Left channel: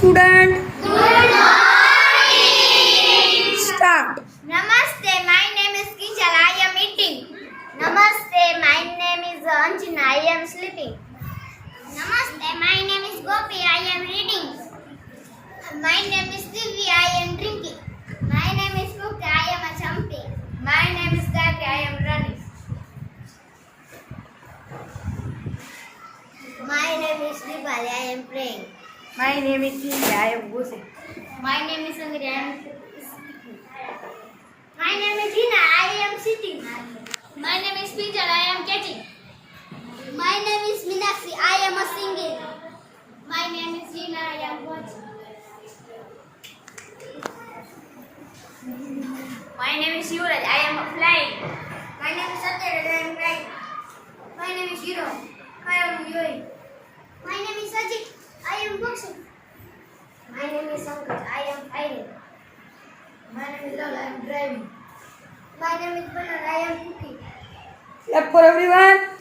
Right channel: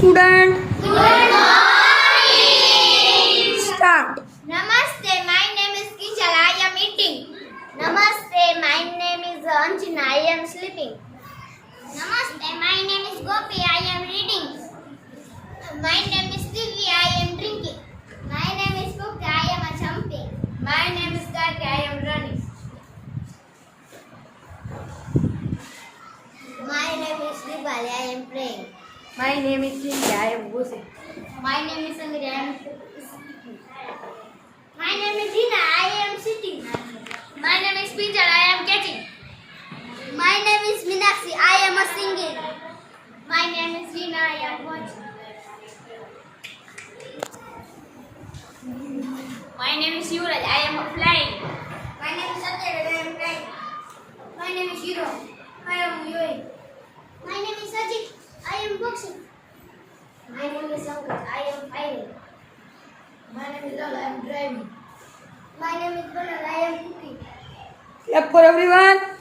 Student, Good morning. start. Namaste. My name is Kinjal. I am eating. Namaste. My name is Anjana. I am sleeping. Namaste. My name is Gopi. I am reading. My name is Divya. I am drinking. My name is Mukta. I am jumping. My name is Kaki. I am running. My name is Dibali. I am praying. My name is Cynthia. I am Gosi. My name is Angri. I am speaking. My name is Hina. I am sitting. My name is Pinjal. I am catching. My name is Minakshi. I am a singing. My name is Hina. I am watching. My name is Yuvraj. I am flying. My name is Satyaraj. I am flying. My name is Hiro. I am viewing. My name is Ajit. I am boxing. My name is Pankaj. I am fighting. My name is Lal. I am driving. My name is Banal. I am cooking. Clap for everyone.